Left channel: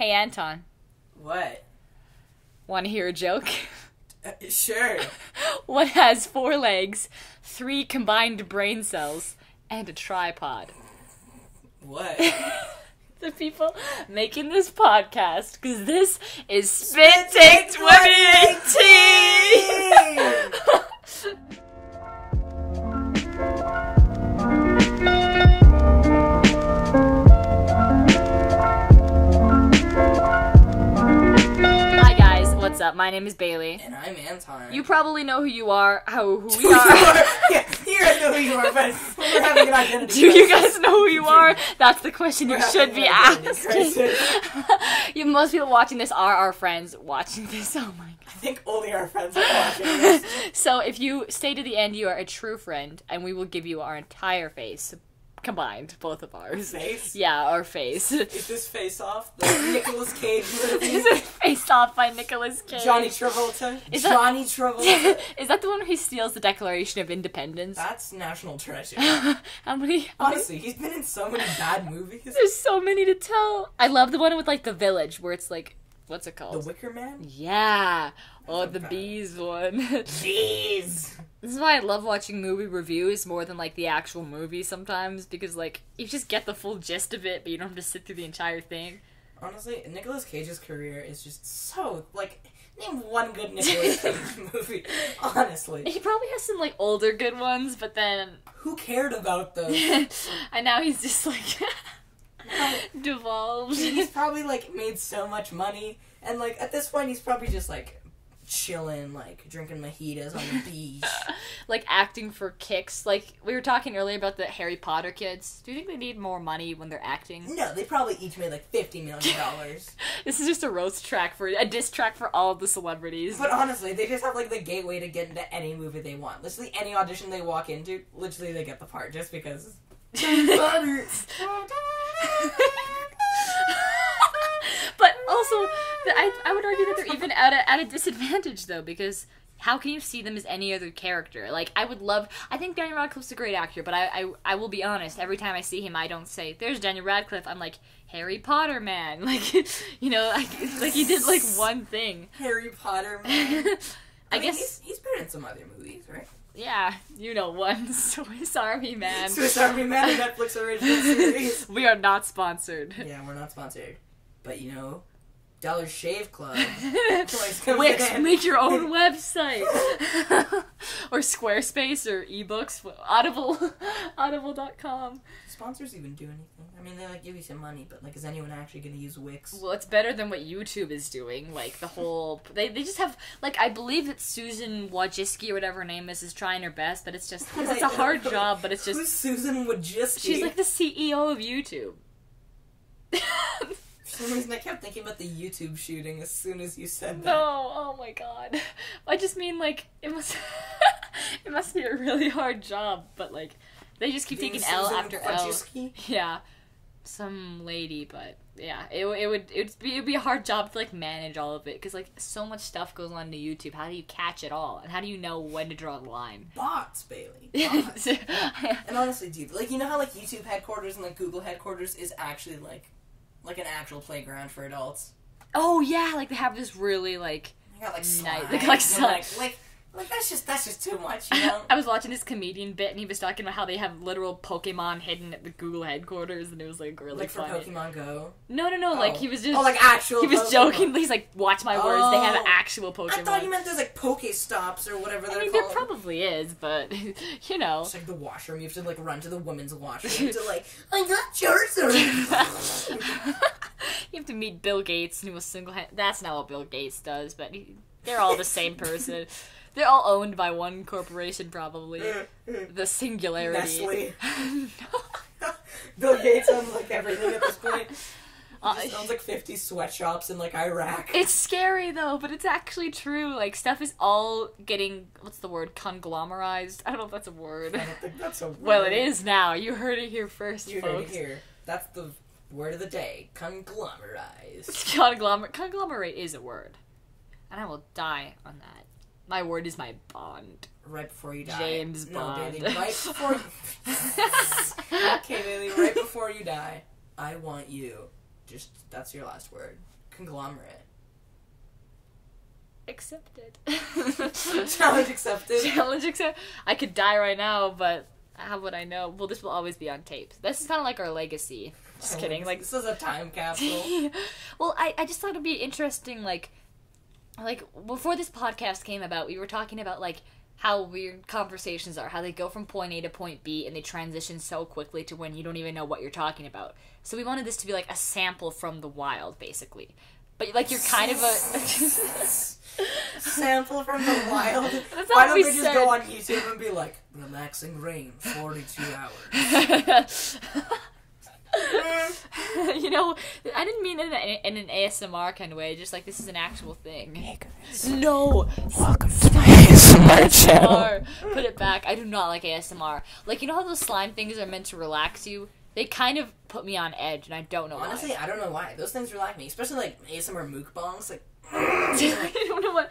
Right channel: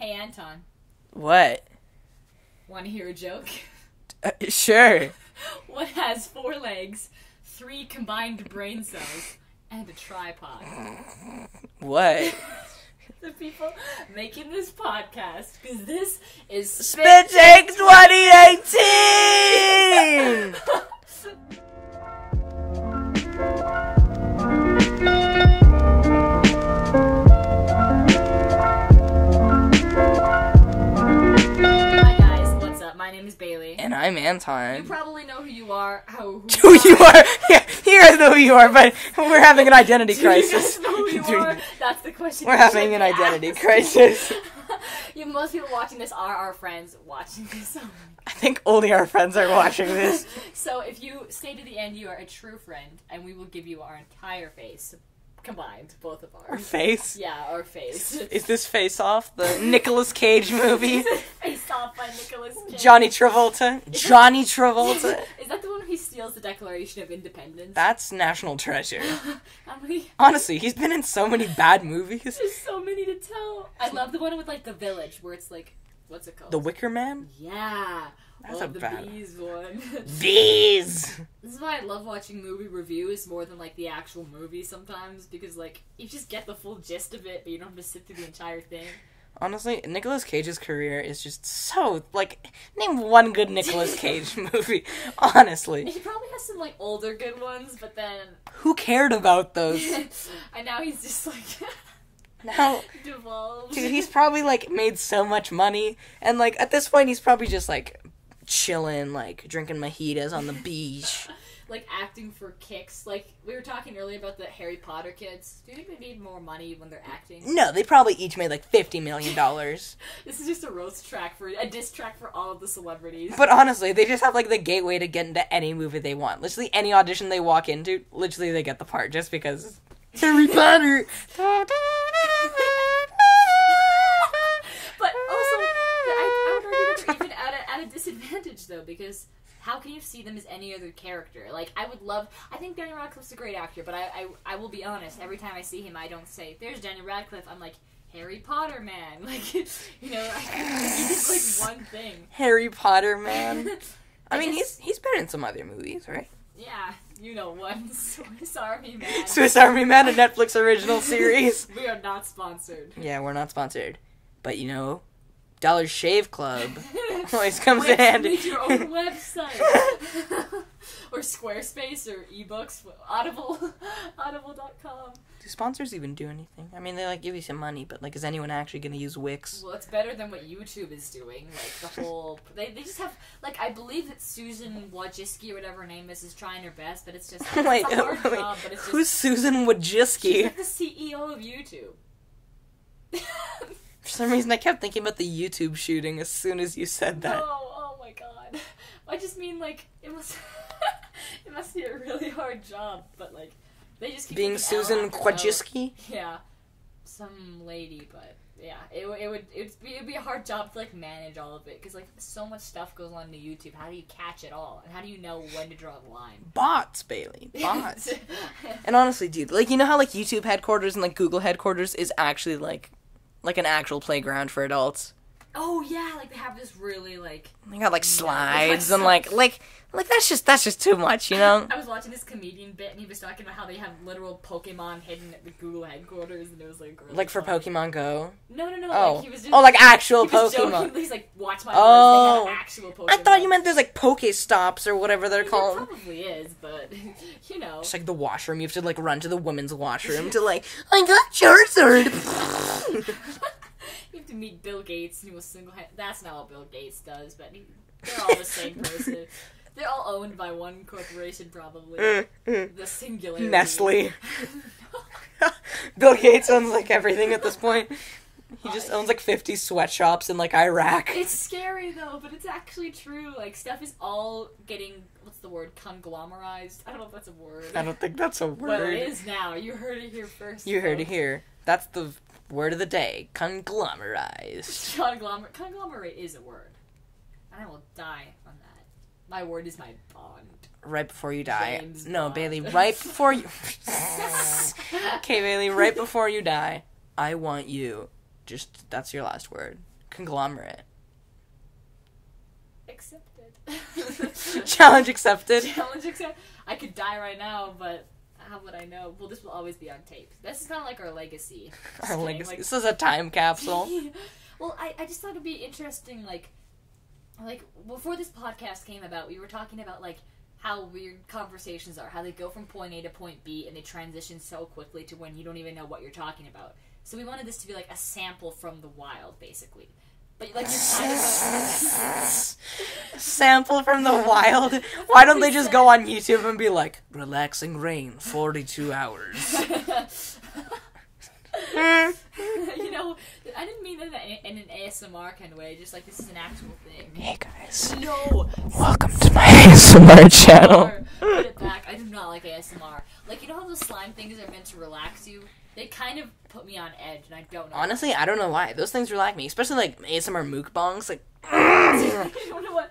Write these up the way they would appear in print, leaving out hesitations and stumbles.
Hey, Anton. What? Want to hear a joke? Sure. What has 4 legs, 3 combined brain cells, and a tripod? What? The people making this podcast, because this is Spit Take 2018! Hi guys, what's up? My name is Bailey. And I'm Anton. You probably know who you are. Who you are? Yeah, you guys know who you are, but we're having an identity Do crisis. you guys know who you are? That's the question We're you having should an be identity asking. crisis. Most people watching this are our friends watching this. Oh my god. I think only our friends are watching this. So if you stay to the end, you are a true friend, and we will give you our entire face. Combined, both of ours. Our face? Yeah, our face. Is this Face Off, the Nicolas Cage movie? Face Off by Nicolas Cage. Johnny Travolta? Travolta? Is that the one where he steals the Declaration of Independence? That's National Treasure. How many? Honestly, he's been in so many bad movies. There's so many to tell. I love the one with, like, the village, where it's, like, what's it called? The Wicker Man? Yeah. That's Or not the bad. bees one. Bees! This is why I love watching movie reviews more than, like, the actual movie sometimes, because, like, you just get the full gist of it, but you don't have to sit through the entire thing. Honestly, Nicolas Cage's career is just so, like, name one good Nicolas Cage movie. Honestly. He probably has some, like, older good ones, but then... Who cared about those? And now he's just, like... Now, devolved. dude, he's probably, like, made so much money, and, like, at this point, he's probably just, like, chilling, like, drinking mojitos on the beach. Like, acting for kicks. Like, we were talking earlier about the Harry Potter kids. Do you think they need more money when they're acting? No, they probably each made, like, $50 million. This is just a roast track a diss track for all of the celebrities. But honestly, they just have, like, the gateway to get into any movie they want. Literally, any audition they walk into, literally, they get the part, just because... Harry Potter! But also, I would argue that they're even at a disadvantage, though, because how can you see them as any other character? Like, I think Daniel Radcliffe's a great actor, but I will be honest, every time I see him, I don't say, there's Daniel Radcliffe, I'm like, Harry Potter man. Like, you know, like, he did, like, one thing. Harry Potter, man. I mean, guess- he's been in some other movies, right? Yeah, you know one, Swiss Army Man. Swiss Army Man, a Netflix original series. We are not sponsored. Yeah, we're not sponsored. But, you know, Dollar Shave Club always comes Wix, in handy. make your own website. Or Squarespace or ebooks, audible.com. Do sponsors even do anything? I mean, they, like, give you some money, but, like, is anyone actually going to use Wix? Well, it's better than what YouTube is doing. Like, the whole... They just have... Like, I believe that Susan Wojcicki, or whatever her name is trying her best, but it's just... It's a hard job, but it's just... Who's Susan Wojcicki? She's like the CEO of YouTube. For some reason, I kept thinking about the YouTube shooting as soon as you said that. No, oh my god. I just mean, like, it must... it must be a really hard job, but, like, they just keep Being taking L Susan after L. Wojcicki? Yeah. Some lady, but, yeah. It'd be a hard job to, like, manage all of it, because, like, so much stuff goes on to YouTube. How do you catch it all? And how do you know when to draw the line? Bots, Bailey. Bots. And honestly, dude, like, you know how, like, YouTube headquarters and, like, Google headquarters is actually, like an actual playground for adults? Oh, yeah, like, they have this really, like... They got, like, Nice. slides and, like, that's just too much, you know? I was watching this comedian bit, and he was talking about how they have literal Pokemon hidden at the Google headquarters, and it was, like, really Like, for funny. Pokemon Go? No, Oh. like, he was just... Oh, like, actual He was Pokemon. joking, he's like, watch my words, Oh. they have actual Pokemon. I thought you meant there's, like, Pokestops or whatever I they're mean, called. there probably is, but, you know. It's like the washroom. You have to, like, run to the women's washroom to, like, I got Charizard! You have to meet Bill Gates, and he was That's not what Bill Gates does, but they're all the same person. They're all owned by one corporation, probably. The Singularity. Nestle. Bill Gates owns, like, everything at this point. He just owns, like, 50 sweatshops in, like, Iraq. It's scary, though, but it's actually true. Like, stuff is all getting, what's the word, conglomerized? I don't know if that's a word. I don't think that's a word. Well, it is now. You heard it here first, You heard it folks. here. That's the word of the day. Conglomerized. Conglomerate is a word. And I will die on that. My word is my bond. Right before you die. James No, Bond. Bailey, right before you... Okay, Bailey, right before you die, I want you. Just, that's your last word. conglomerate? Accepted. Challenge accepted. Challenge accepted. I could die right now, but how would I know? Well, this will always be on tape. This is kind of like our legacy. Just kidding. Legacy. Like, this is a time capsule. Well, I just thought it'd be interesting, like before this podcast came about, we were talking about like how weird conversations are, how they go from point A to point B and they transition so quickly to when you don't even know what you're talking about. So we wanted this to be like a sample from the wild, basically. But like you're kind of a sample from the wild. Why don't they just go on YouTube and be like, relaxing rain, 42 hours. You know, I didn't mean it in an ASMR kind of way. Just like this is an actual thing. Hey guys. No. Welcome to my ASMR channel. Put it back. I do not like ASMR. Like, you know how those slime things are meant to relax you? They kind of put me on edge, and I don't know. Honestly, why. I don't know why. Those things relax me, especially like ASMR mukbangs. Like, I didn't know what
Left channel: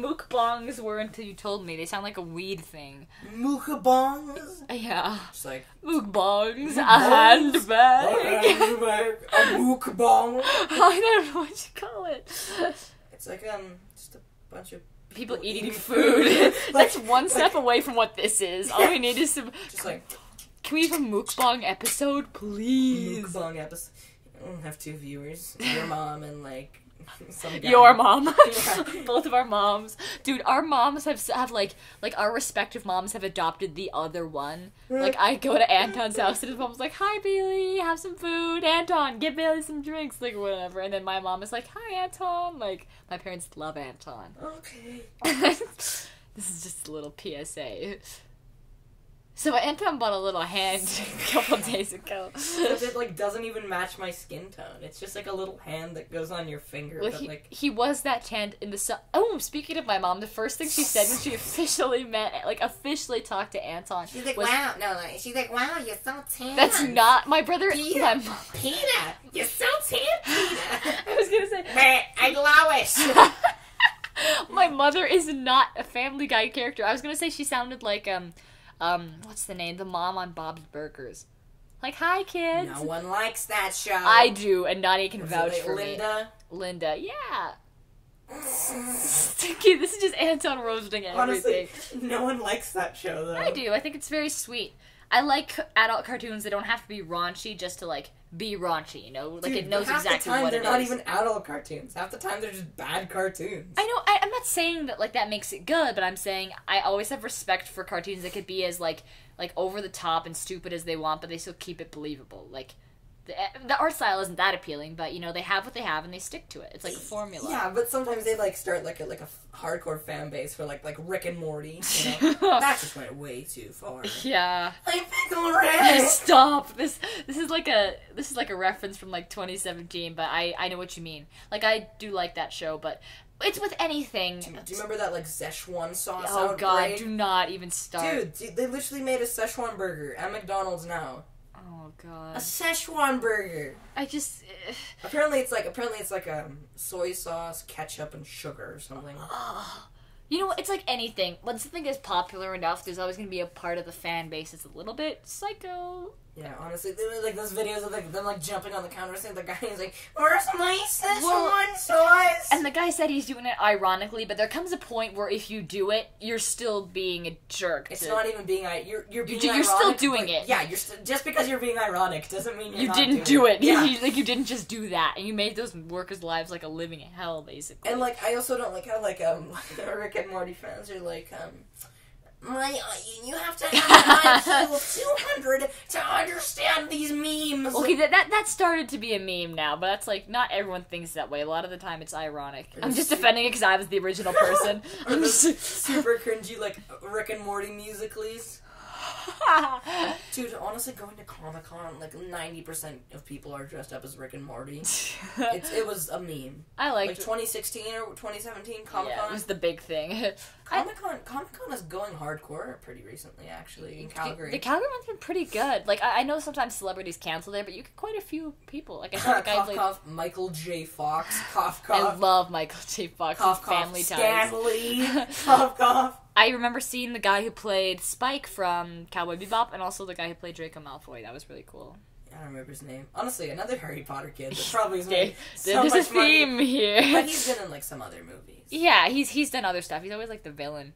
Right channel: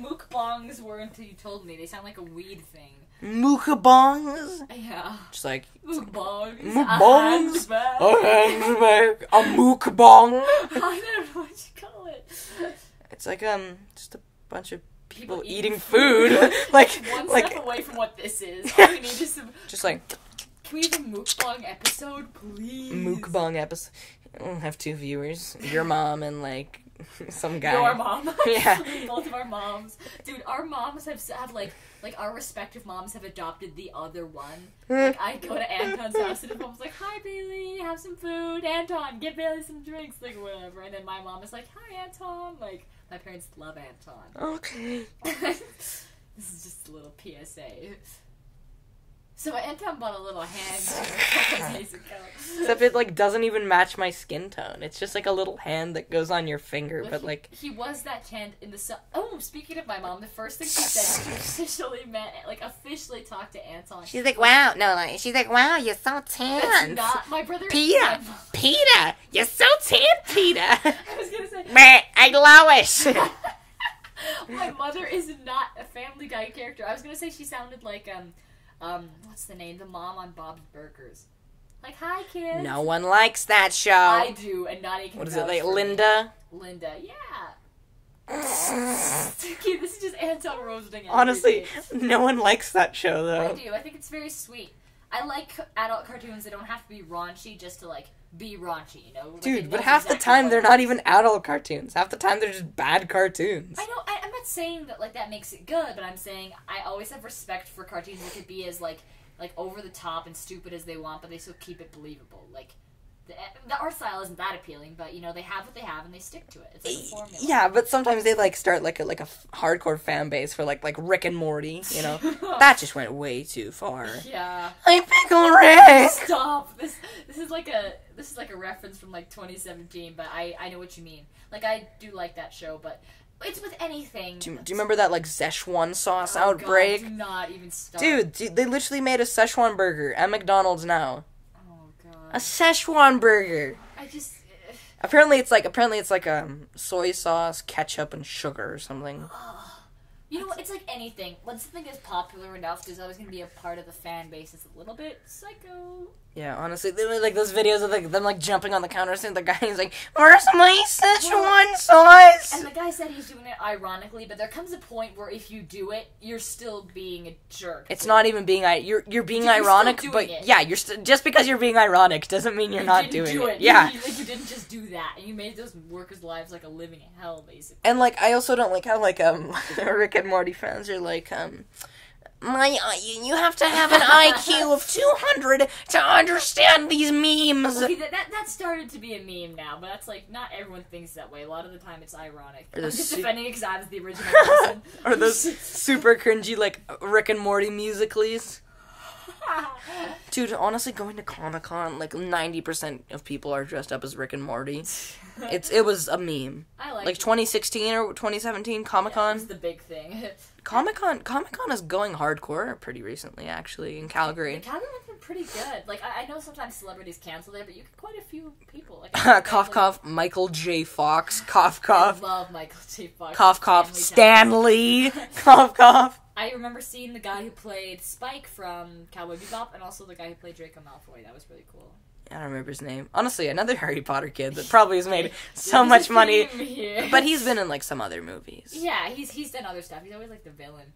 mukbangs were until you told me. They sound like a weed thing. Mukbangs. Yeah. Just like mukbangs. A handbag. A mukbang. I don't know what you call it. It's like just a bunch of people eating food. Like one step away from what this is. All we need is some. Just like. Can we have a mukbang episode, please? Mukbang episode. We'll have 2 viewers. Your mom and, like, some guy. Your mom. Yeah. Both of our moms. Dude, our moms have like, our respective moms have adopted the other one. Like, I go to Anton's house and his mom's like, hi, Bailey, have some food. Anton, get Bailey some drinks. Like, whatever. And then my mom is like, hi, Anton. Like, my parents love Anton. Okay. This is just a little PSA. So Anton bought a little hand a couple days ago. Except it, like, doesn't even match my skin tone. It's just, like, a little hand that goes on your finger, well, but, like... He was that hand in the sun. Oh, speaking of my mom, the first thing she said when she officially talked to Anton. She's like, wow. No, like, she's like, wow, you're so tan. That's not... My brother... Peter! Peter! You're so tan, Peter! I was gonna say... Meh, I glowish! My mother is not a Family Guy character. I was gonna say she sounded like, what's the name? The mom on Bob's Burgers. Like, hi, kids. No one likes that show. I do, and Nadia can What is vouch it, like for Linda? Me. Linda, yeah. Okay, this is just Anton roasting everything. Honestly, no one likes that show, though. I do. I think it's very sweet. I like adult cartoons that don't have to be raunchy just to, like, be raunchy, you know? Like, dude, but half the time they're not even adult cartoons. Half the time they're just bad cartoons. I know, I'm not saying that, like, that makes it good, but I'm saying I always have respect for cartoons that could be as, like over the top and stupid as they want, but they still keep it believable. Like, the art style isn't that appealing, but, you know, they have what they have and they stick to it. It's like a formula. Yeah, but sometimes they, like, start, like a hardcore fan base for, like Rick and Morty, you know? That just went way too far. Yeah. I pickle Rick! Stop! This is like a reference from, like, 2017, but I know what you mean. Like, I do like that show, but it's with anything. Do you remember that, like, Szechuan sauce oh, outbreak? God, do not even start. Dude, they literally made a Szechuan burger at McDonald's now. Oh, God. A Szechuan burger. I just... Apparently it's like soy sauce, ketchup, and sugar or something. You know, it's like anything. When something is popular enough, there's always going to be a part of the fan base that's a little bit psycho. Yeah, honestly, they were like those videos of like them like jumping on the counter and the guy's like, "Where's my Szechuan sauce?" And the guy said he's doing it ironically, but there comes a point where if you do it, you're still being a jerk. It's not even being you're being you're ironic, still doing it. Yeah, you're just because you're being ironic doesn't mean you're not doing it. You didn't do it. Yeah, you didn't just do that, and you made those workers' lives like a living hell, basically. And like I also don't like how like Rick and Morty fans are like you have to have an IQ of 200 to understand these memes. Okay, that started to be a meme now, but that's like, not everyone thinks that way. A lot of the time it's ironic. I'm just defending it because I was the original person. Or those super cringy, like, Rick and Morty musicals. Dude, honestly, going to Comic-Con, like, 90% of people are dressed up as Rick and Morty. It was a meme. I liked like 2016 or 2017 Comic-Con. Yeah, it was the big thing. Comic-Con is going hardcore pretty recently, actually, in Calgary. The Calgary one's been pretty good. Like, I know sometimes celebrities cancel there, but you get quite a few people. Like, cough, cough, Michael J. Fox. Cough, cough. I love Michael J. Fox. Cough, cough, Stanley. Cough, cough. I remember seeing the guy who played Spike from Cowboy Bebop, and also the guy who played Draco Malfoy. That was really cool. I don't remember his name. Honestly, another Harry Potter kid that probably has made so There's much a money. theme here. But he's been in, like, some other movies. Yeah, he's done other stuff. He's always, like, the villain.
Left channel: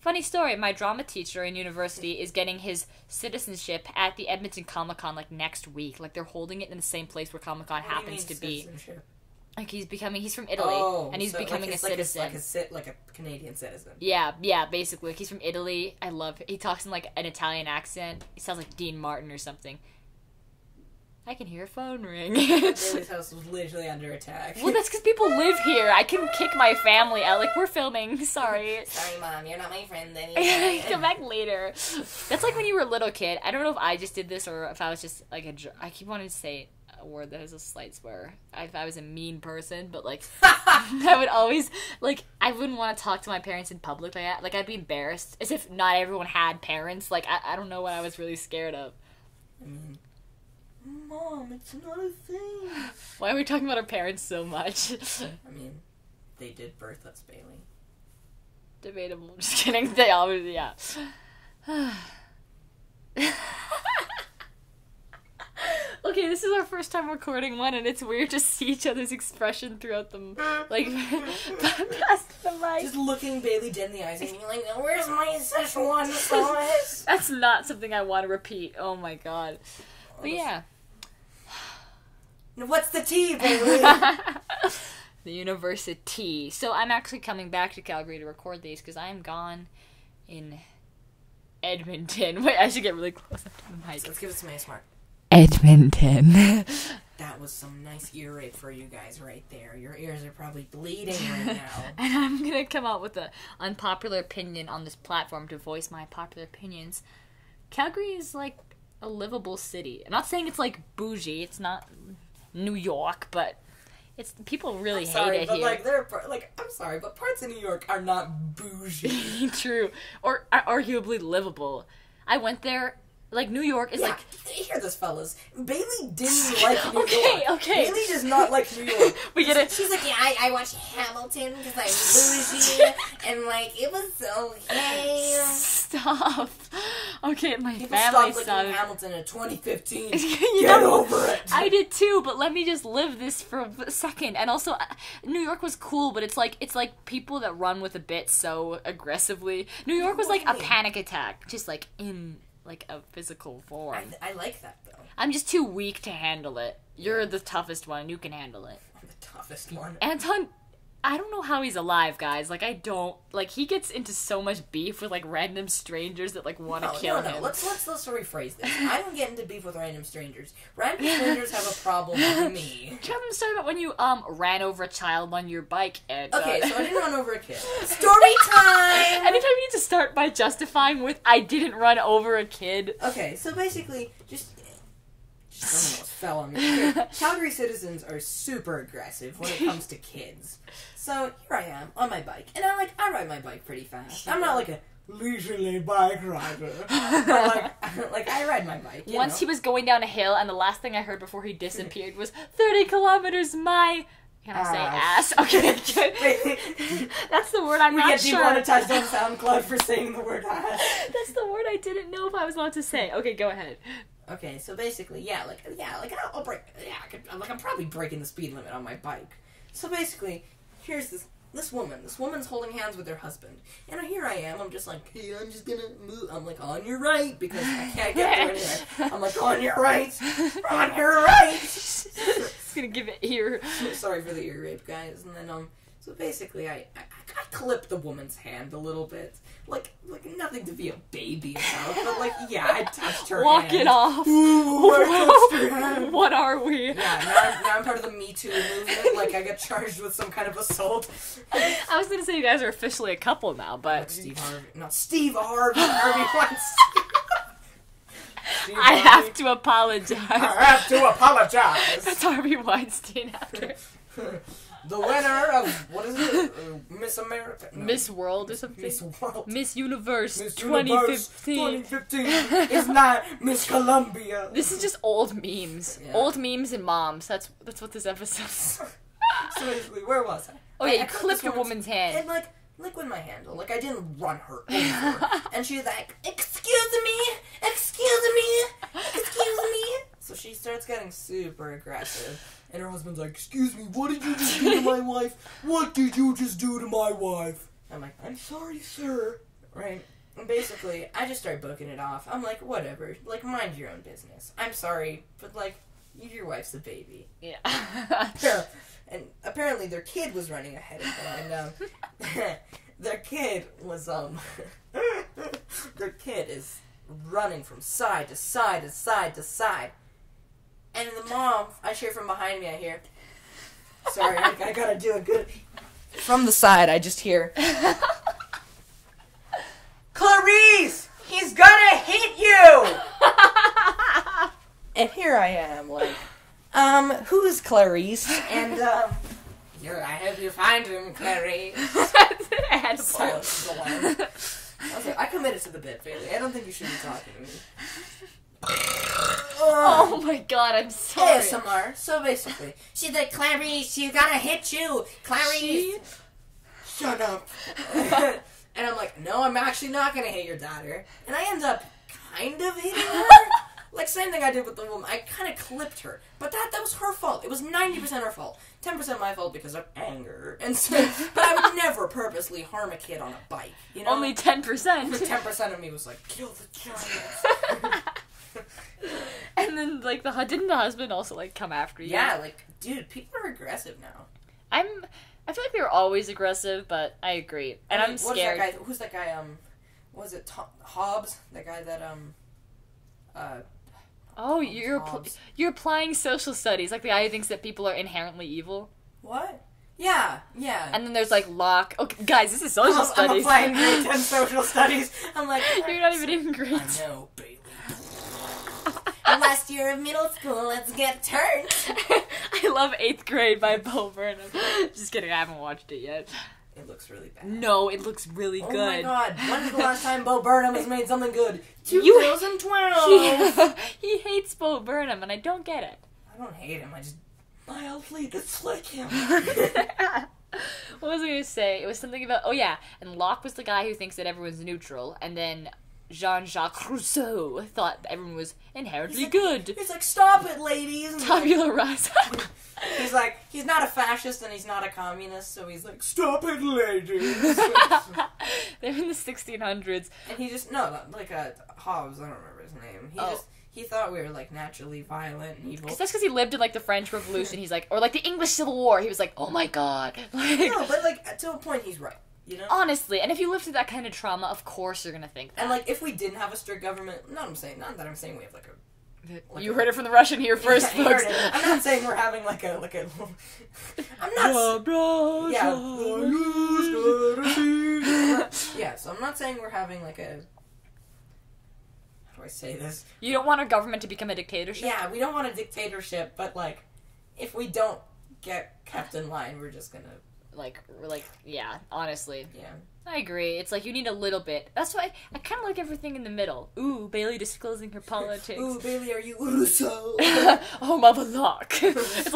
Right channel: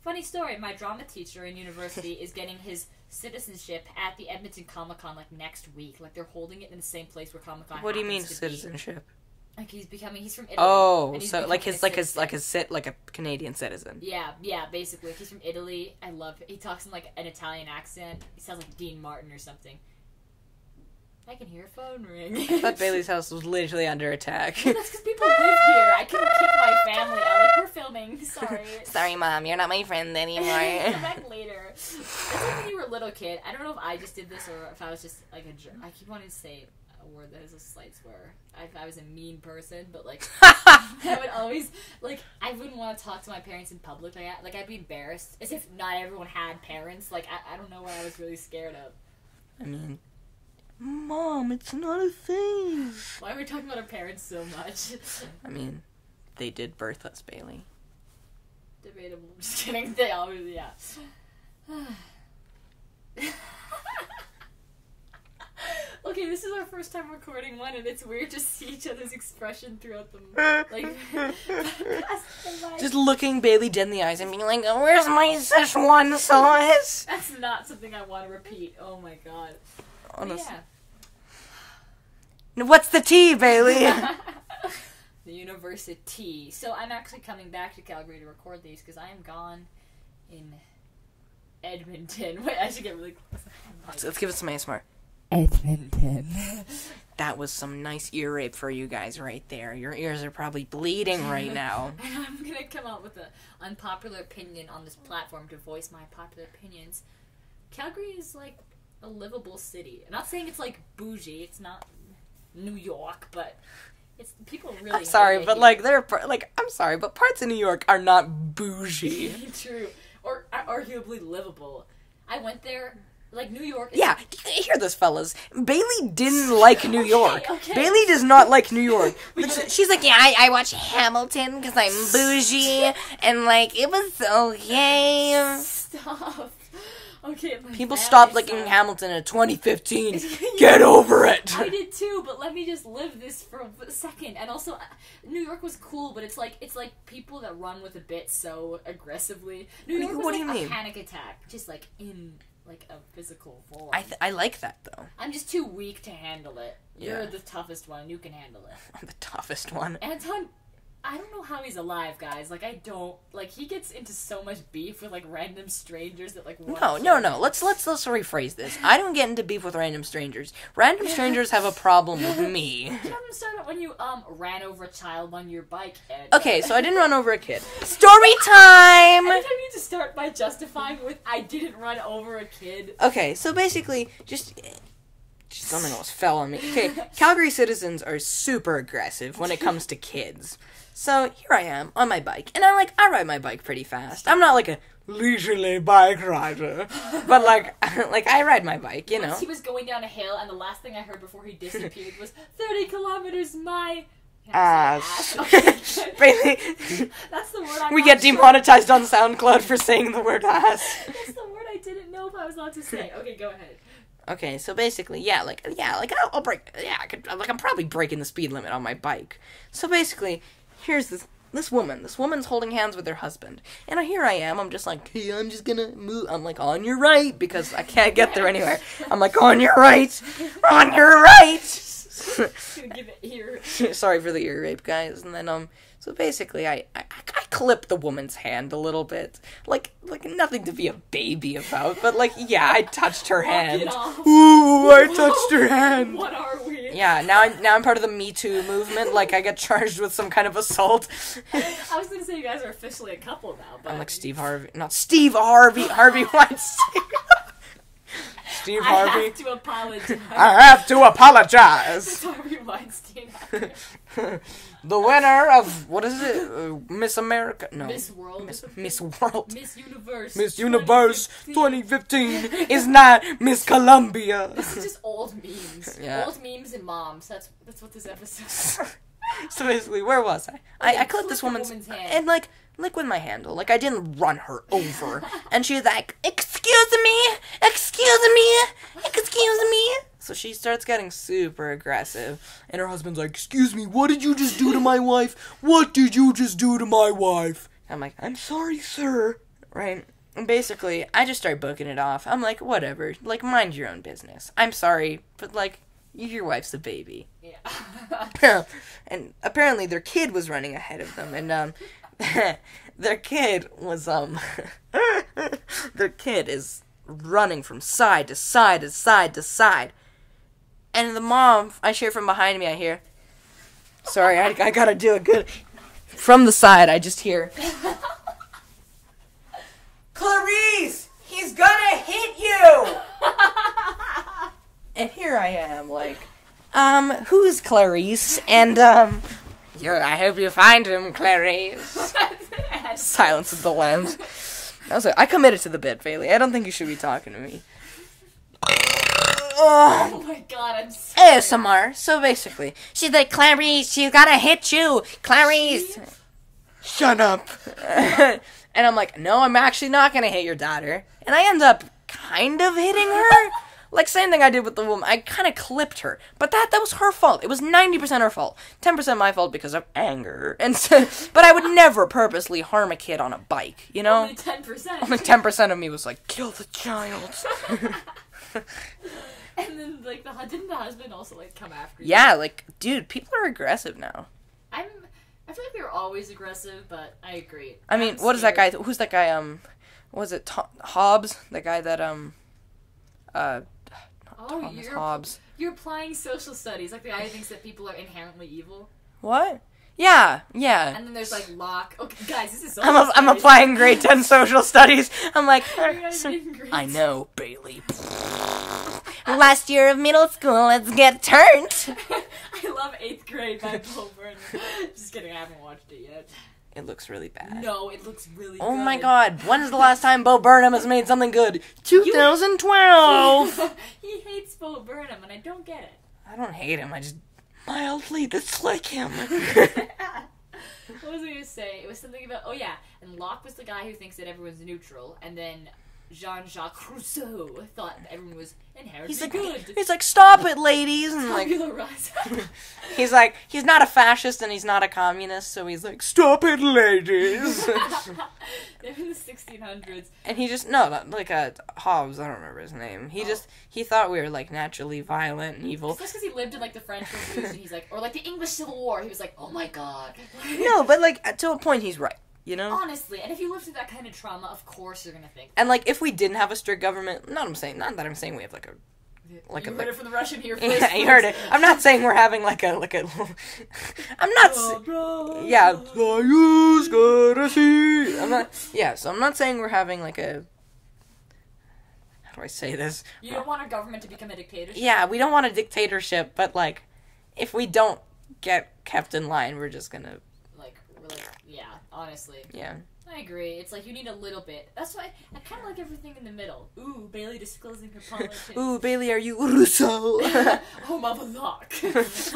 Funny story, my drama teacher in university is getting his citizenship at the Edmonton Comic-Con, like, next week. Like, they're holding it in the same place where Comic-Con happens to be. What do you mean citizenship? Like, he's from Italy. Oh, and he's so becoming like a Canadian citizen. Yeah, basically. Like, he's from Italy. I love it. He talks in, like, an Italian accent. He sounds like Dean Martin or something. I can hear a phone ring. But Bailey's house was literally under attack. Well, that's because people live here. I couldn't kick my family out. Like, we're filming. Sorry. Sorry, Mom. You're not my friend anymore. Come back later. That's like when you were a little kid. I don't know if I just did this or if I was just, like, I keep wanting to say a word that has a slight swear. If I was a mean person, but, like, I would always, like, I wouldn't want to talk to my parents in public. Like, I'd be embarrassed. As if not everyone had parents. Like, I don't know what I was really scared of. I mean... Mom, it's not a thing. Why are we talking about our parents so much? I mean, they did birth us, Bailey. Debatable. Just kidding. They always, yeah. Okay, this is our first time recording one, and it's weird to see each other's expression throughout them. Like, just looking Bailey dead in the eyes and being like, oh, where's my Szechuan sauce? That's not something I want to repeat. Oh my god. But yeah. What's the tea, Bailey? The university. So I'm actually coming back to Calgary to record these because I am gone in Edmonton. Wait, I should get really close up to the mic. Let's give it some ASMR. Edmonton. That was some nice ear rape for you guys right there. Your ears are probably bleeding right now. And I'm going to come out with an unpopular opinion on this platform to voice my popular opinions. Calgary is like a livable city. I'm not saying it's like bougie. It's not New York, but it's people really. I'm sorry, hate it but here. like I'm sorry, but parts of New York are not bougie. True, or arguably livable. I went there. Like, New York is... Yeah, hear this, fellas. Bailey didn't like New York. Okay. Bailey does not like New York. We did it. She's like, yeah, I watch Hamilton because I'm bougie, and, like, it was okay. Stop. Okay, my People family stopped liking sucks. Hamilton in 2015. Get over it. I did too, but let me just live this for a second. And also, New York was cool, but it's like people that run with a bit so aggressively. New York was What like do a you mean? panic attack, just like in... like a physical form. I like that, though. I'm just too weak to handle it. You're Yeah. the toughest one. You can handle it. I'm the toughest one. Anton, I don't know how he's alive, guys. Like, I don't... like, he gets into so much beef with, like, random strangers that, like, want to kill him. Let's rephrase this. I don't get into beef with random strangers. Random strangers have a problem with me. Do you have a story about when you, ran over a child on your bike and... Okay, so I didn't run over a kid. Story time! Anytime you need to start by justifying with, I didn't run over a kid. Okay, so basically, just something else fell on me. Okay, Calgary citizens are super aggressive when it comes to kids. So here I am on my bike, and I ride my bike pretty fast. I'm not like a leisurely bike rider, but like I ride my bike. You Once know? he was going down a hill, and the last thing I heard before he disappeared was 30 kilometers my... Can I say ass? Okay, good. Basically, That's the word I'm we not get sure. demonetized on SoundCloud for saying the word ass. That's the word I didn't know if I was allowed to say. Okay, go ahead. Okay, so basically, I'll break. Yeah, I'm probably breaking the speed limit on my bike. So basically, here's this woman. This woman's holding hands with her husband, and here I am. I'm just like, hey, I'm just gonna move. I'm like, on your right, because I can't get there anyway. I'm like, on your right, on your right. Just gonna give it here. Sorry for the ear rape, guys. And then so basically, I clipped the woman's hand a little bit, like nothing to be a baby about, but like, yeah, I touched her Walk hand. it off. Ooh, I touched her hand. What are we? Yeah, now I'm part of the Me Too movement. Like, I get charged with some kind of assault. I was gonna say you guys are officially a couple now, but I'm like Steve Harvey, not Steve Harvey, Harvey Weinstein. Steve I Harvey. have to apologize. I have to apologize. That's Harvey Weinstein after The winner of, what is it? Miss America? No. Miss World. Miss World. Miss Universe. Miss Universe 2015. 2015 is not Miss Columbia. This is just old memes. Yeah. Old memes and moms. That's what this episode is. So basically, where was I? Okay, I clipped this a woman's hand. And like with my handle. Like, I didn't run her over. And she's like, excuse me. So she starts getting super aggressive. And her husband's like, excuse me, what did you just do to my wife? What did you just do to my wife? I'm like, I'm sorry, sir. Right? And basically, I just start booking it off. I'm like, whatever. Like, mind your own business. I'm sorry, but, like, your wife's a baby. Yeah. And apparently their kid was running ahead of them. And, their kid was, their kid is running from side to side to side to side. And the mom, I hear from behind me, I hear, sorry, I gotta do a good, from the side, I just hear, Clarice, he's gonna hit you! And here I am, like, who's Clarice? And, I hope you find him, Clarice. Silence of the Lambs. I was like, I committed to the bit, Bailey. I don't think you should be talking to me. Oh my god, I'm sorry. ASMR. So basically, she's like, Clarice, she's gotta hit you. Clarice. Shut up. And I'm like, no, I'm actually not gonna hit your daughter. And I end up kind of hitting her. Like, same thing I did with the woman. I kind of clipped her. But that was her fault. It was 90% her fault. 10% my fault because of anger. And so, but I would never purposely harm a kid on a bike, you know? Only 10%. Only 10% of me was like, kill the child. And then, like, didn't the husband also, like, come after you? Yeah, like, dude, people are aggressive now. I feel like they were always aggressive, but I agree. I mean, what is that guy? Who's that guy? Was it Hobbes? The guy that Oh, you're applying social studies, like the guy who thinks that people are inherently evil. What? Yeah. And then there's like Locke. Okay, guys, this is social studies. I'm applying grade 10 social studies. I'm like, you're not even in grade 10. I know, Bailey. Last year of middle school, let's get turned. I love 8th Grade by Bo Burnham. Just kidding, I haven't watched it yet. It looks really bad. No, it looks really good. Oh my god, when is the last time Bo Burnham has made something good? 2012! He hates Bo Burnham, and I don't get it. I don't hate him, I just mildly dislike him. What was I going to say? It was something about, and Locke was the guy who thinks that everyone's neutral, and then Jean-Jacques Rousseau thought everyone was inherently good. He's like, stop it, ladies! And Tabula rasa. He's like, he's not a fascist and he's not a communist, so he's like, stop it, ladies! They're in the 1600s. And he just, Hobbes, I don't remember his name. He thought we were, like, naturally violent and evil. That's because he lived in, like, the French Revolution. He's like, or, like, the English Civil War. He was like, oh my god. No, but, like, to a point, he's right. You know? Honestly, and if you live through that kind of trauma, of course you're gonna think that. And, like, if we didn't have a strict government, not that I'm saying we have, like, you heard it from the Russian here first. Yeah, you heard it. I'm not saying we're having, I'm not saying we're having, like, a... How do I say this? You don't want our government to become a dictatorship? Yeah, we don't want a dictatorship, but, like, if we don't get kept in line, we're just gonna... Yeah, honestly. Yeah. I agree. It's like you need a little bit. That's why I kind of like everything in the middle. Ooh, Bailey disclosing her politics. Ooh, Bailey, are you Rousseau? Oh, mother Locke.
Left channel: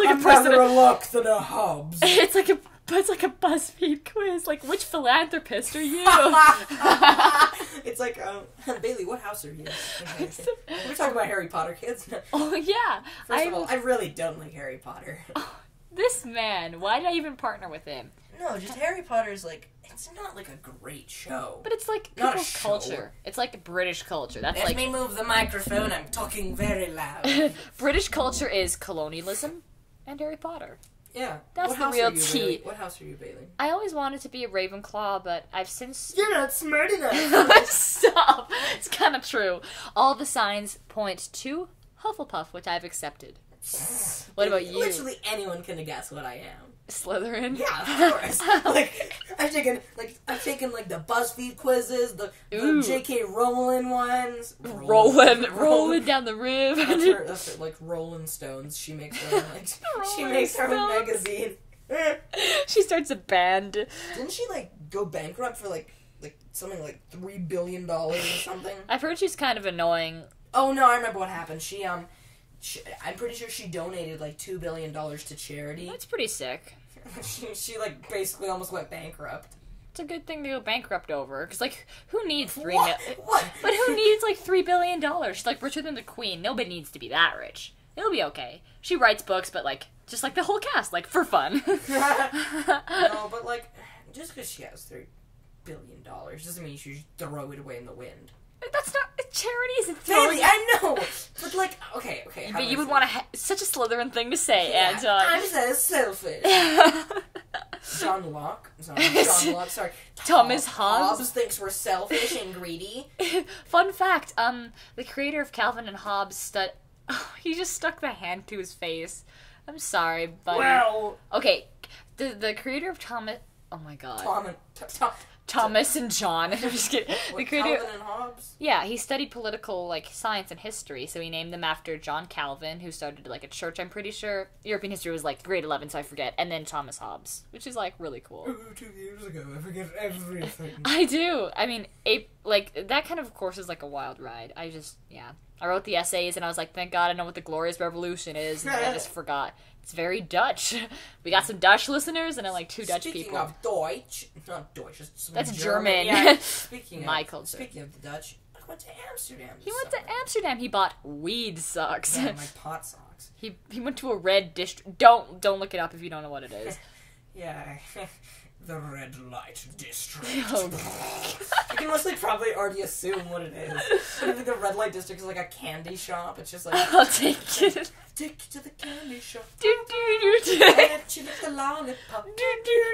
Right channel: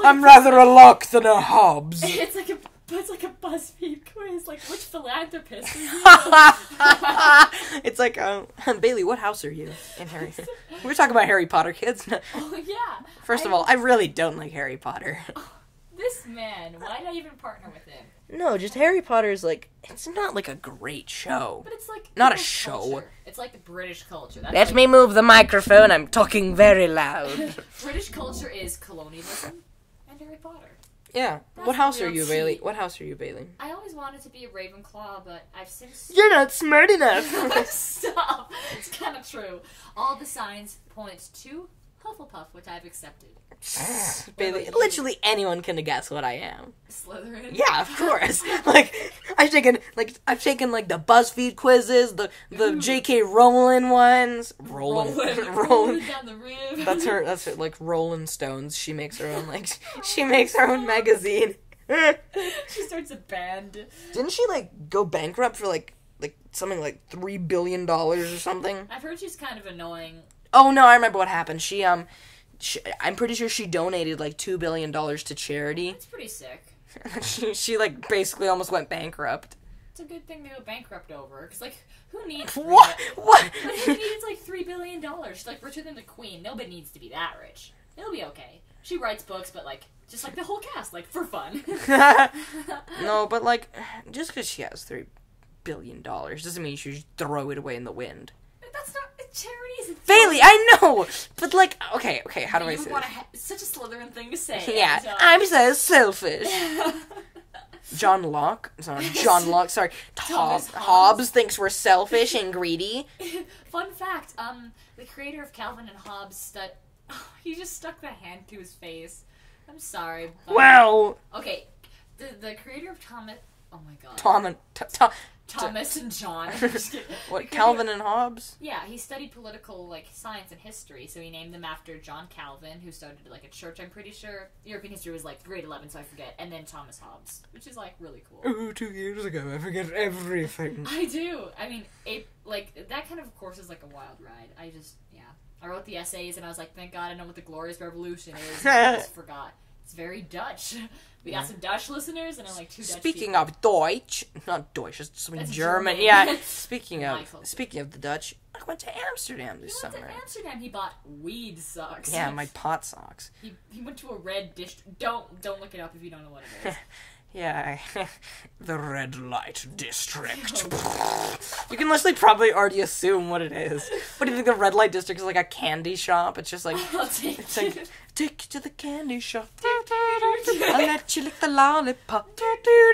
I'm rather a Locke than a Hobbes. It's like a BuzzFeed quiz. Like, which philanthropist are you? It's like, Bailey, what house are you? We're talking about Harry Potter, kids. Oh, yeah. First of all, I really don't like Harry Potter. This man, why did I even partner with him? No, just Harry Potter's like, it's not like a great show. But it's like not a show. Culture. It's like British culture. That's Let me move the microphone, I'm talking very loud. British culture is colonialism and Harry Potter. Yeah. What house are you, Bailey? What house are you, Bailey? I always wanted to be a Ravenclaw, but I've since... You're not smart enough! Stop! It's kind of true. All the signs point to Hufflepuff, which I've accepted. Bailey, literally anyone can guess what I am. Slytherin? Yeah, of course. I've taken the BuzzFeed quizzes, the J.K. Rowling ones. Rolling down the river. That's her, like, Rolling Stones. She makes her own, she makes her own magazine. She starts a band. Didn't she, go bankrupt for, something like $3 billion or something? I've heard she's kind of annoying. Oh, no, I remember what happened. I'm pretty sure she donated $2 billion to charity. That's pretty sick. she basically almost went bankrupt. It's a good thing to go bankrupt over, because who needs What? But who needs $3 billion? She's richer than the Queen. Nobody needs to be that rich. It'll be okay. She writes books, but, like, just like the whole cast, like, for fun. No, but, like, just because she has $3 billion doesn't mean you should just throw it away in the wind. That's not... Charity isn't... Bailey, I know! But, like, okay, how do I say You would want to... Such a Slytherin thing to say, Yeah, Anton. I'm so selfish. John Locke, Thomas Hobbes thinks we're selfish and greedy. Fun fact, the creator of Calvin and Hobbes he just stuck the hand to his face. I'm sorry, but... Wow! Okay, the creator of Thomas... Oh my god. Thomas and John. I'm just kidding. What, Calvin and Hobbes? Yeah, he studied political, like, science and history, so he named them after John Calvin, who started, like, a church, I'm pretty sure. European history was, like, grade 11, so I forget. And then Thomas Hobbes, which is, like, really cool. Ooh, 2 years ago, I forget everything. I do. I mean, that kind of course is, like, a wild ride. I wrote the essays, and I was like, thank God I know what the Glorious Revolution is, and I just forgot. It's very Dutch. We got some Dutch listeners, and I'm like 2 Dutch people. Speaking of Deutsch, not Deutsch, it's That's German. German. Yeah. Speaking of the Dutch, I went to Amsterdam this summer. He went to Amsterdam. He bought weed socks. Yeah, my pot socks. He went to a red district. Don't look it up if you don't know what it is. Yeah, the red light district. Oh. You can literally probably already assume what it is. What do you think the red light district is, like a candy shop? It's just like, I'll take it. Take you to the candy shop. I'll I'll let you lick the lollipop.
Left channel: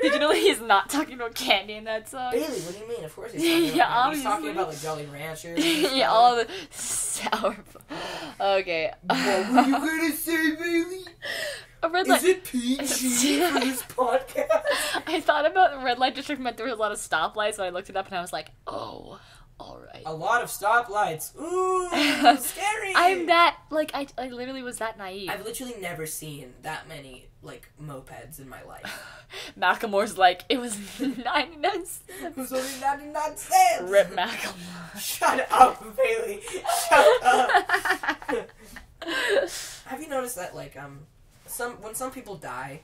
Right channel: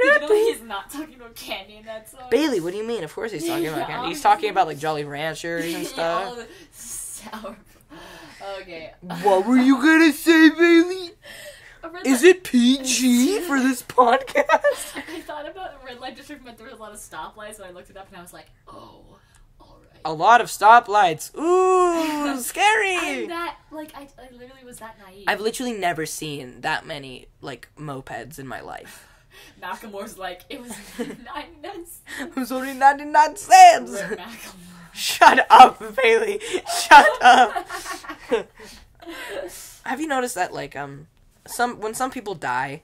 You know he's not talking about candy in that song. Bailey, what do you mean? Of course he's talking about candy. He's talking about like Jolly Ranchers and stuff. Yeah, all the sour. Okay. What were you gonna say, Bailey? Is it PG for this podcast? I thought about the red light district meant there was a lot of stoplights, so I looked it up and I was like, oh, alright. A lot of stoplights. Ooh, scary. I'm that, like, I literally was that naive. I've literally never seen that many, like, mopeds in my life. Macklemore's like, it was 99 cents. It was only 99 cents. Rip Macklemore. Shut up, Bailey. Shut up. Have you noticed that, like, when some people die,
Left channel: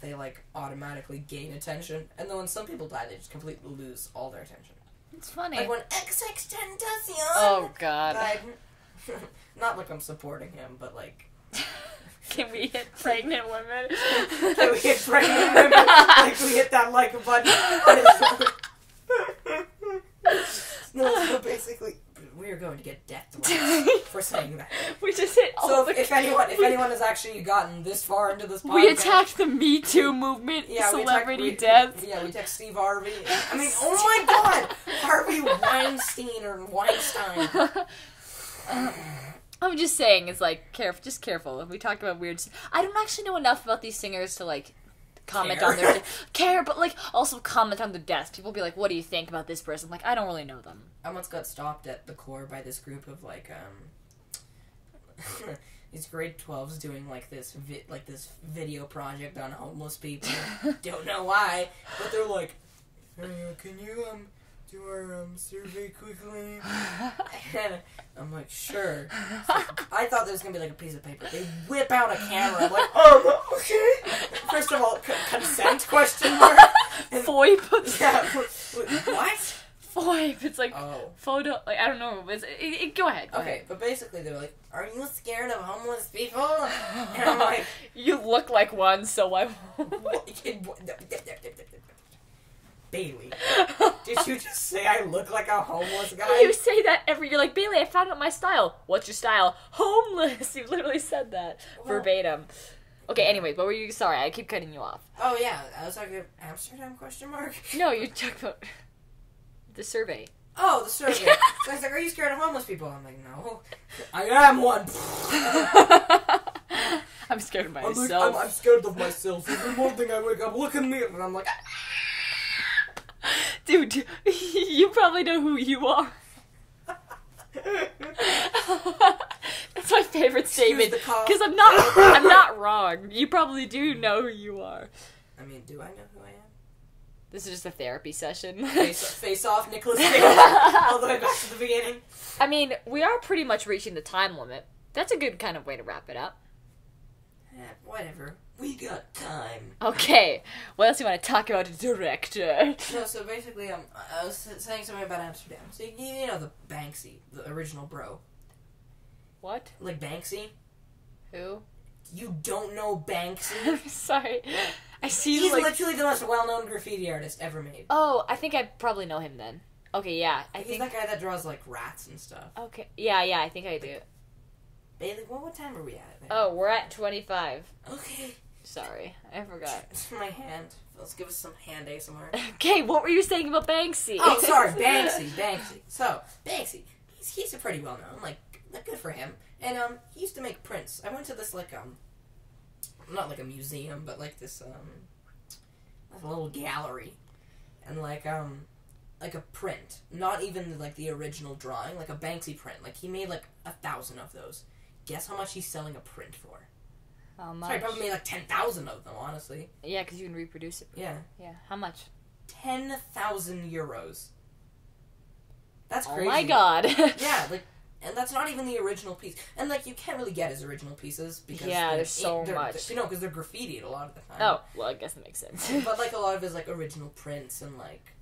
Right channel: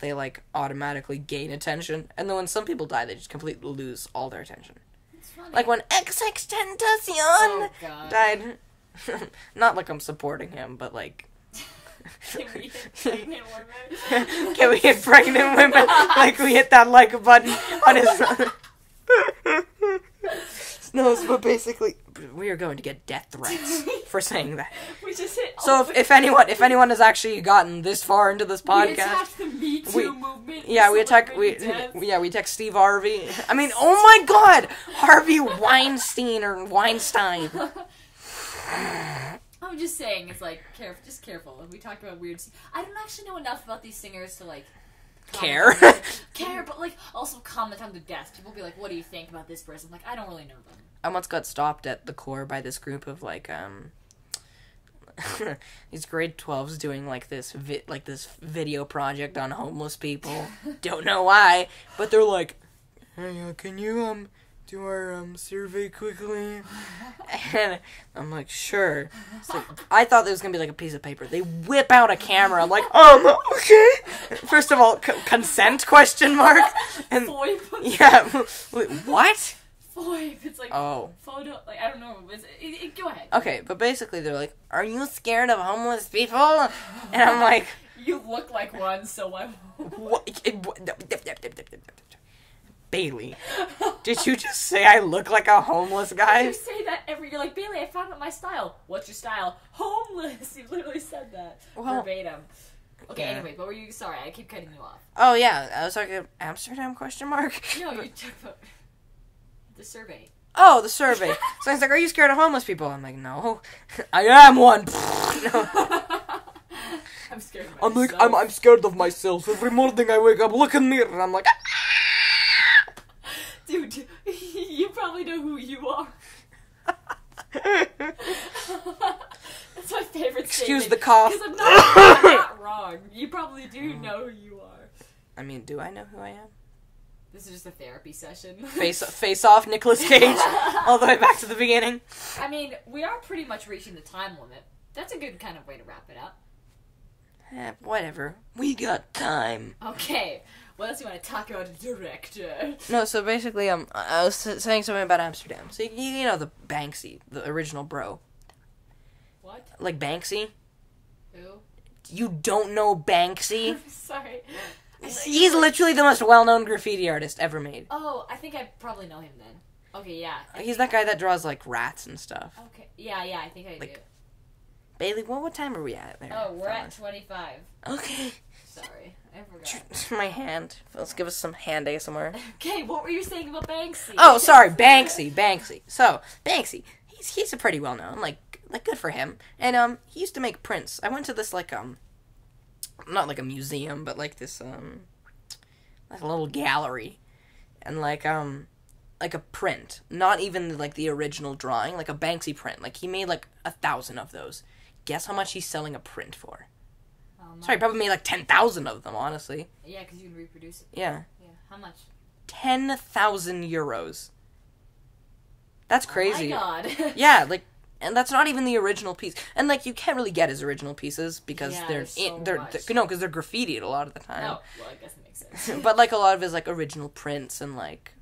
they, like, automatically gain attention, and then when some people die, they just completely lose all their attention. It's funny. Like when XXXTentacion died. Not like I'm supporting him, but like... Can we hit pregnant women? Can we hit pregnant women like we hit that like button on his... No, but basically, we are going to get death threats for saying that. We just hit. So if anyone has actually gotten this far into this podcast, we attacked the Me Too movement. Yeah, we attacked Steve Harvey. I mean, oh my God, Harvey Weinstein or Weinstein. I'm just saying, it's like just careful. We talked about weird. I don't actually know enough about these singers to like. Care, but like also comment on the deaths. People be like, "What do you think about this person?" Like, I don't really know them. I once got stopped at the core by this group of like these grade 12s doing like this video project on homeless people. Don't know why, but they're like, "Hey, can you do our survey quickly?" And I'm like, "Sure." So I thought there was gonna be like a piece of paper. They whip out a camera. I'm like, okay. First of all, consent question mark. And FOIP. Yeah. What? FOIP. It's like photo. Like I don't know. Go ahead. Okay, but basically they're like, "Are you scared of homeless people?" And I'm like, "You look like one, so I." Bailey, did you just say I look like a homeless guy? You say that you're like, "Bailey, I found out my style." What's your style? Homeless. You literally said that verbatim. Okay, anyway, but were you, sorry, I keep cutting you off. Oh yeah, I was talking Amsterdam question mark? No, you talked about the survey. Oh, the survey. So I was like, "Are you scared of homeless people?" I'm like, "No, I am one." I'm scared of myself. I'm scared of myself. Every morning I wake up, look in the mirror, and I'm like, dude, you probably know who you are. That's my favorite statement. Excuse the cough. Because I'm not wrong. You probably do know who you are. I mean, do I know who I am? This is just a therapy session. Face off, Nicolas Cage. All the way back to the beginning. I mean, we are pretty much reaching the time limit. That's a good kind of way to wrap it up. Whatever. We got time. Okay. What else do you want to talk about, director? No, so basically, I was saying something about Amsterdam. So, you know the Banksy, the original bro. What? Like Banksy? Who? You don't know Banksy? Sorry. I see. He's literally the most well-known graffiti artist ever made. Oh, I think I probably know him then. Okay, yeah. He's that guy that draws, like, rats and stuff. Okay. Yeah, I think I do. Bailey, what time are we at? There? Oh, we're at 25. Okay. Sorry, I forgot. My hand. Let's give us some hand ASMR. Okay, what were you saying about Banksy? Oh, sorry, Banksy. So, Banksy, he's a pretty well-known, like good for him. And, he used to make prints. I went to this, like, not like a museum, but like this, like a little gallery. And, like a print. Not even, like, the original drawing, like a Banksy print. Like, he made, like, 1,000 of those. Guess how much he's selling a print for? Sorry, probably made, like, 10,000 of them, honestly. Yeah, because you can reproduce it. Yeah. Yeah, how much? 10,000 euros. That's crazy. Oh my god. Yeah, like, and that's not even the original piece. And, like, you can't really get his original pieces because there's so much. No, because they're graffitied a lot of the time. Oh, well, I guess that makes sense. But, like, a lot of his, like, original prints and, like...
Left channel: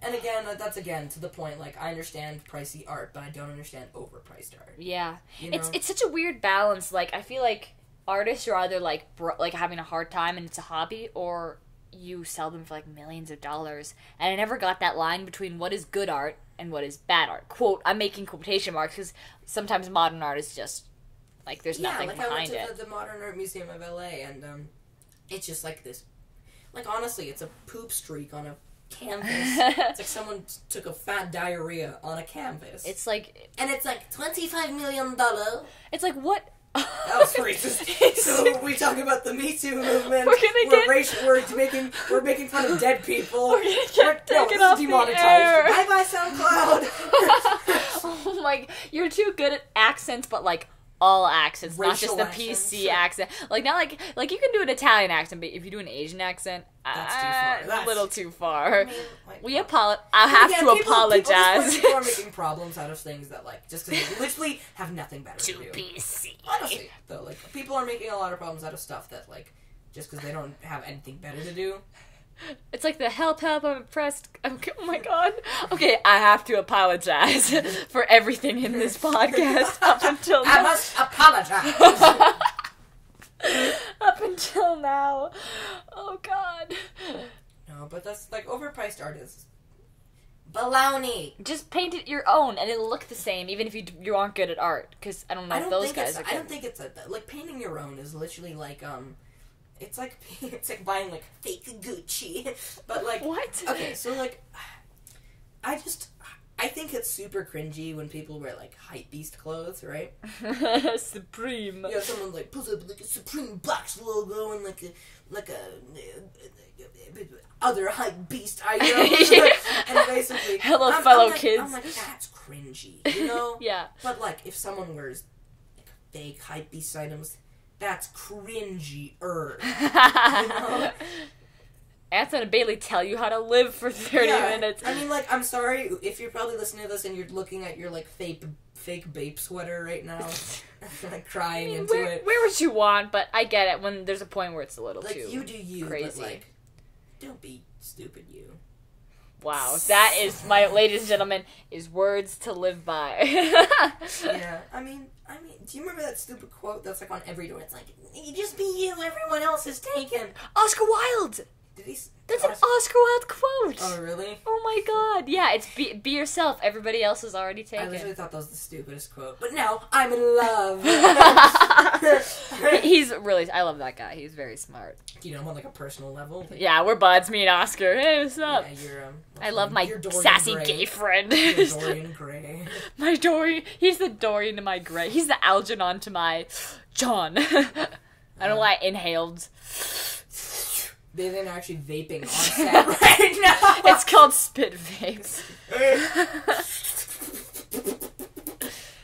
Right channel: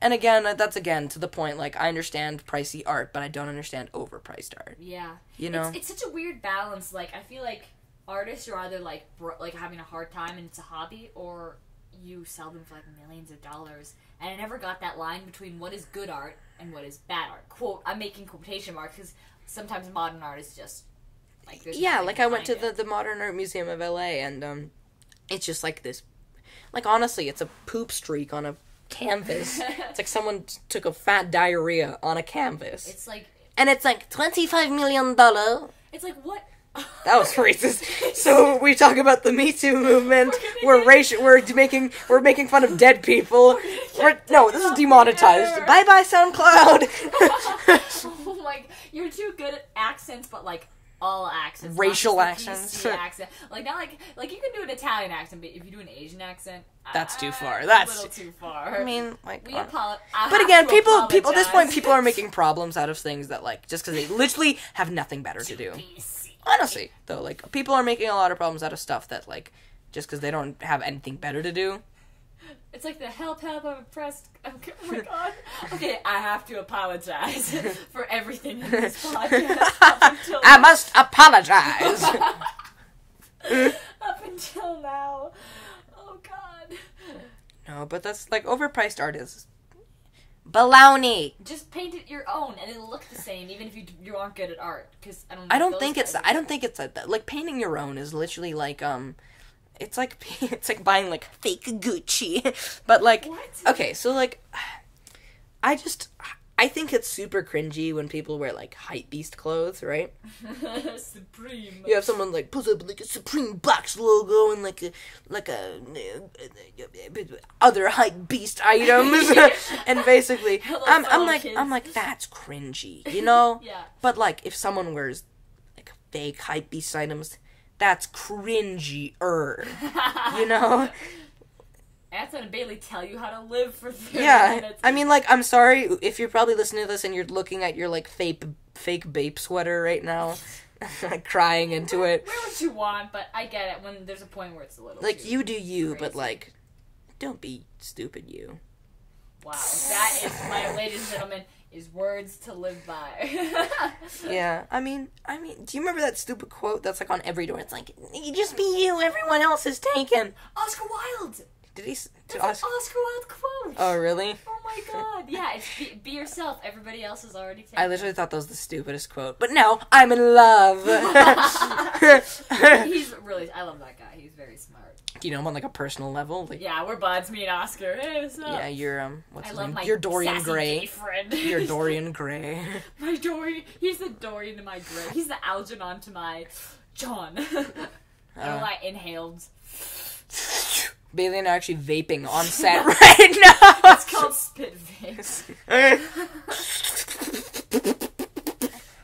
And again, that's again to the point, like, I understand pricey art, but I don't understand overpriced art. Yeah. You know? It's such a weird balance. Like, I feel like artists are either, like, having a hard time and it's a hobby, or you sell them for, like, millions of dollars. And I never got that line between what is good art and what is bad art. Quote, I'm making quotation marks, because sometimes modern art is just, like, there's nothing like, I went to behind the Modern Art Museum of LA, and, it's just, like, this... Like, honestly, it's a poop streak on a canvas. It's like someone took a fat diarrhea on a canvas. It's like... And it's like, $25 million. It's like, what? That was racist. So we talk about the Me Too movement. We're making fun of dead people. No, this is demonetized. Bye bye SoundCloud. Oh my! You're too good at accents, but like all accents, racial not just accents. the PC accent. Like not like you can do an Italian accent, but if you do an Asian accent, that's too far. That's a little too far. I mean, like, we apologize. But again, people at this point, people are making problems out of things that, like, just because they literally have nothing better to do. Honestly, though, like, people are making a lot of problems out of stuff that, like, just because they don't have anything better to do. It's like the help, I'm impressed. Oh my god. Okay, I have to apologize for everything in this podcast up until now. I must apologize. Up until now. Oh god. No, but that's, like, overpriced art is baloney. Just paint it your own and it'll look the same even if you aren't good at art, because I don't know. I don't think it's like painting your own is literally like it's like buying, like, fake Gucci. But, like, what? Okay, so, like, I think it's super cringy when people wear, like, hypebeast clothes, right? Supreme. Yeah, someone, like, pulls up, like, a Supreme box logo and, like a other hypebeast items. And basically, I'm like, that's cringy, you know? Yeah. But, like, if someone wears, like, fake hypebeast items, that's cringy-er, you know? Anthony and Bailey tell you how to live for 30 minutes. I mean, like, I'm sorry if you're probably listening to this and you're looking at your, like, fake Bape sweater right now, like, crying into it. Wear what you want, but I get it when there's a point where it's a little like, too you do you, crazy. But, like, don't be stupid, you. Wow, that is, ladies and gentlemen, is words to live by. Yeah, I mean, do you remember that stupid quote that's, like, on every door? It's like, you just be you, everyone else is taken. Oscar Wilde! Did he? That's an Oscar Wilde quote! Oh, really? Oh my god. Yeah, it's be yourself. Everybody else is already taken. I literally thought that was the stupidest quote. But no, I'm in love. I love that guy. He's very smart. Do you know him on, like, a personal level? Like, yeah, we're buds, me and Oscar. Hey, what's up? Yeah, you're, I love my Dorian sassy Gray. gay friend. You're Dorian Gray. My Dorian. He's the Dorian to my Gray. He's the Algernon to my John. I don't know why I inhaled. Bailey and I are actually vaping on set right now. It's called spit vapes.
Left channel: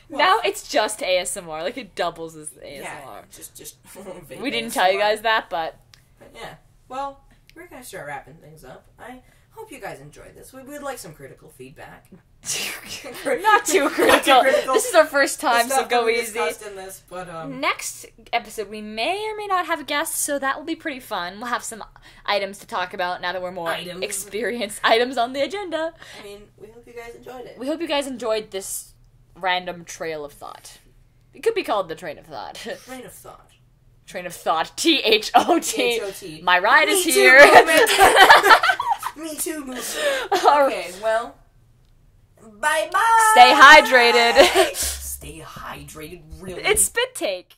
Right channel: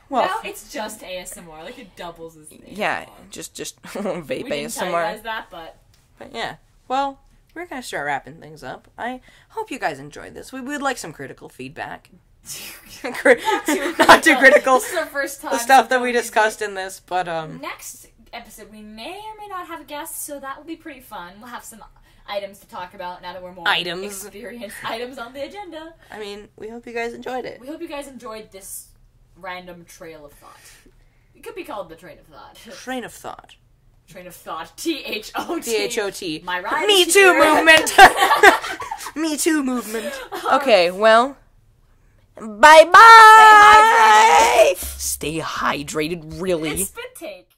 Well, now it's just ASMR. Like, it doubles as ASMR. Yeah, just vape We didn't ASMR. tell you guys that, but yeah. Well, we're gonna start wrapping things up. I hope you guys enjoyed this. We would like some critical feedback. Not too critical. This is our first time. The stuff that we discussed in this, but next episode we may or may not have a guest, so that will be pretty fun. We'll have some items to talk about now that we're more experienced. Items on the agenda. I mean, we hope you guys enjoyed it. We hope you guys enjoyed this random trail of thought. It could be called the train of thought. Train of thought. Train of thought. THOT. THOT. My ride Me is Too here. movement. Me Too movement. Okay, well. Bye-bye. Stay hydrated. Stay hydrated, really. It's spit take.